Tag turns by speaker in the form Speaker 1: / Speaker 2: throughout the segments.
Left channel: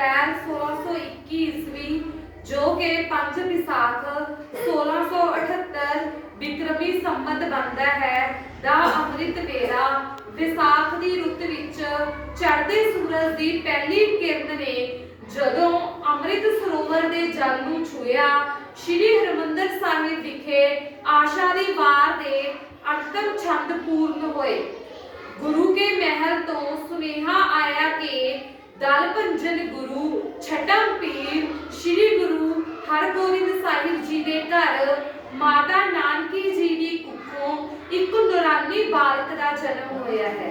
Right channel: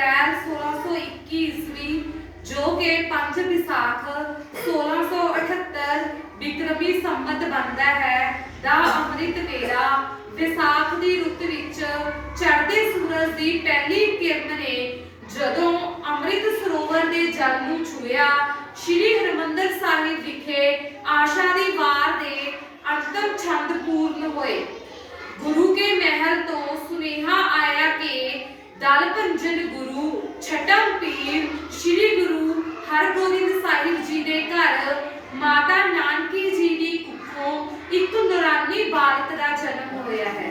Speaker 1: ਅਪ੍ਰੈਲ 1621 ਈਸਵੀ, ਜੋ ਕਿ 5 ਵਿਸਾਖ 1678 ਬਿਕਰਮੀ ਸੰਮਤ ਬਣਦਾ ਹੈ, ਦਾ ਅੰਮ੍ਰਿਤ ਵੇਲਾ ਵਿਸਾਖ ਦੀ ਰੁੱਤ ਵਿੱਚ ਚੜ੍ਹਦੇ ਸੂਰਜ ਦੀ ਪਹਿਲੀ ਕਿਰਨ ਨੇ ਜਦੋਂ ਅੰਮ੍ਰਿਤ ਸਰੋਵਰ ਦੇ ਜਲ ਨੂੰ ਛੂਇਆ ਸ਼੍ਰੀ ਹਰਿਮੰਦਰ ਸਾਹਿਬ ਵਿਖੇ ਆਸ਼ਾ ਦੀ ਵਾਰ ਦੇ ਅੰਤਮ ਛੰਦ ਪੂਰਨ ਹੋਏ। ਗੁਰੂ ਕੇ ਮਹਿਲ ਤੋਂ ਸੁਨੇਹਾ ਆਇਆ ਕਿ ਦਲ ਭੰਜਨ ਗੁਰੂ ਛਟਮ ਪੀਰ ਸ੍ਰੀ ਗੁਰੂ ਹਰਗੋਬਿੰਦ ਸਾਹਿਬ ਜੀ ਦੇ ਘਰ ਮਾਤਾ ਨਾਨਕੀ ਜੀ ਦੀ ਕੁੱਖੋਂ ਇੱਕ ਨੂਰਾਨੀ ਬਾਲਕ ਦਾ ਜਨਮ ਹੋਇਆ ਹੈ।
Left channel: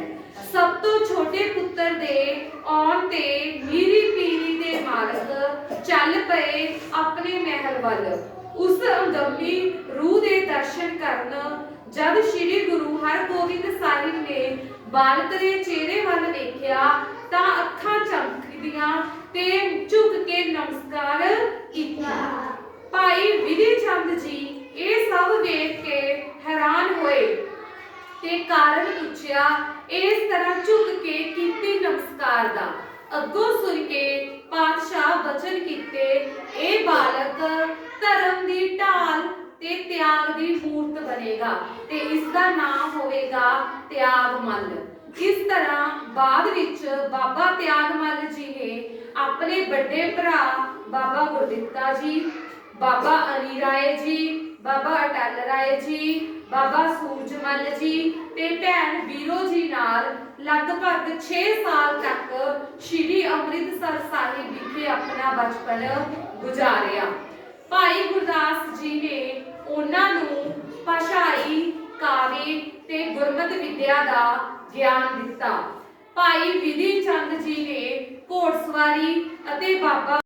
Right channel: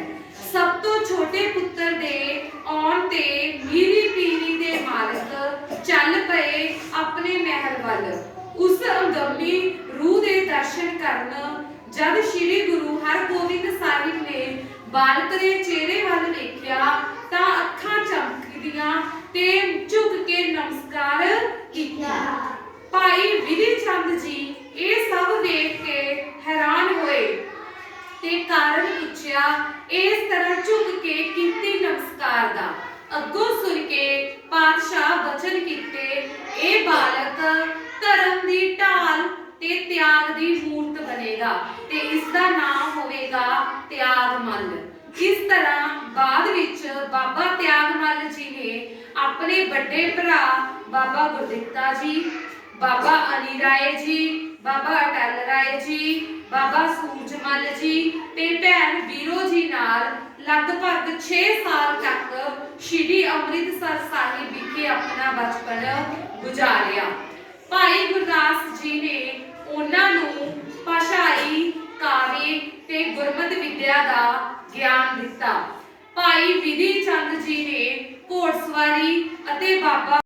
Speaker 1: ਸਭ ਤੋਂ ਛੋਟੇ ਪੁੱਤਰ ਦੇ ਆਉਣ ਤੇ ਮੀਰੀ ਪੀਰੀ ਦੇ ਮਾਲਕ ਚੱਲ ਪਏ ਆਪਣੇ ਮਹਿਲ ਵੱਲ। ਉਸ ਅੰਗਮੀ ਰੂਹ ਦੇ ਦਰਸ਼ਨ ਕਰਨ ਜਦ ਸ੍ਰੀ ਗੁਰੂ ਹਰਗੋਬਿੰਦ ਸਾਹਿਬ ਨੇ ਬਾਲਕ ਦੇ ਚਿਹਰੇ ਵੱਲ ਵੇਖਿਆ ਤਾਂ ਅੱਖਾਂ ਚਮਕਦੀਆਂ ਤੇ ਝੁਕ ਕੇ ਨਮਸਕਾਰ ਕੀਤਾ। ਭਾਈ ਵਿਧੀ ਚੰਦ ਜੀ ਇਹ ਸਭ ਦੇਖ ਕੇ ਹੈਰਾਨ ਹੋਏ ਤੇ ਕਾਰਨ ਪੁੱਛਿਆ, ਇਸ ਤਰ੍ਹਾਂ ਝੁਕ ਕੇ ਕੀਤੀ ਨਮਸਕਾਰ ਦਾ। ਅੱਗੋਂ ਸੁਣ ਕੇ ਪਾਤਸ਼ਾਹ ਬਚਨ ਕੀਤੇ, ਇਹ ਬਾਲਕ ਧਰਮ ਦੀ ਢਾਲ ਤੇ ਤਿਆਗ ਦੀ ਮੂਰਤ ਬਣੇਗਾ ਤੇ ਇਸ ਦਾ ਨਾਮ ਹੋਵੇਗਾ ਤਿਆਗਮੱਲ। ਇਸ ਤਰ੍ਹਾਂ ਬਾਅਦ ਵਿੱਚ ਬਾਬਾ ਤਿਆਗ ਤਿਆਗਮੱਲ ਜੀ ਨੇ ਆਪਣੇ ਵੱਡੇ ਭਰਾ ਬਾਬਾ ਗੁਰਦਿੱਤਾ ਜੀ ਬਾਬਾ ਅਲੀ ਰਾਏ ਜੀ, ਬਾਬਾ ਅਟਲ ਰਾਏ ਜੀ, ਬਾਬਾ ਸੂਰਜਮਲ ਜੀ ਤੇ ਭੈਣ ਵੀਰੋ ਜੀ ਨਾਲ ਲਗਭਗ 6 ਸਾਲ ਤੱਕ ਸ਼੍ਰੀ ਅੰਮ੍ਰਿਤਸਰ ਸਾਹਿਬ ਵਿਖੇ ਆਪਣਾ ਬਚਪਨ ਗੁਜ਼ਾਰਿਆ। ਭਾਈ ਗੁਰਦਾਸ ਜੀ ਨੇ ਉਹਨਾਂ ਨੂੰ ਭਾਸ਼ਾਈ ਕਾਵਿ ਤੇ ਗੁਰਮਤ ਵਿਦਿਆ ਦਾ ਗਿਆਨ ਦਿੱਤਾ। ਭਾਈ ਵਿਧੀ ਚੰਦ ਜੀ ਨੇ ਘੋੜਸਵਾਰੀ ਅਤੇ ਬਾਬਾ